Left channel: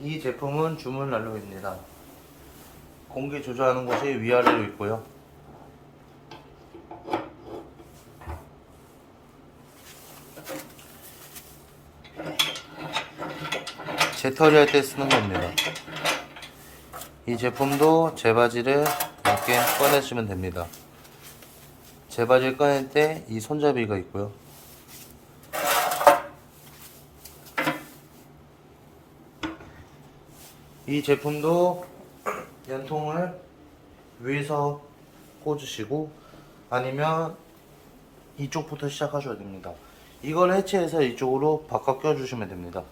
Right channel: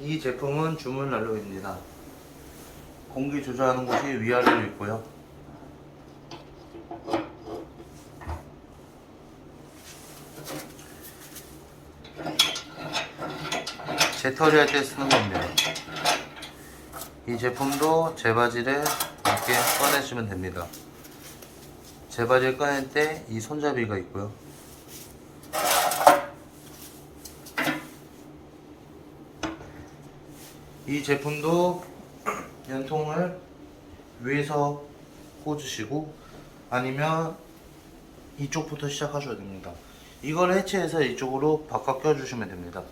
이 제품은 주문 난로입니다. 공기 조절하는 곳이 위아래로 있고요. 재터리 할 때 쓰는 겁니다. 이 제품도 재바지를 이렇게 꺼내시면 됩니다. 재바지를 꺼낼 때 이 손잡이가 있고요. 이 제품도 연통을 위에서 꽂으시고 아니면 이쪽부터 시작하셔야 됩니다. 이걸 해체해서 이쪽으로 바꿔 껴주시면 됩니다.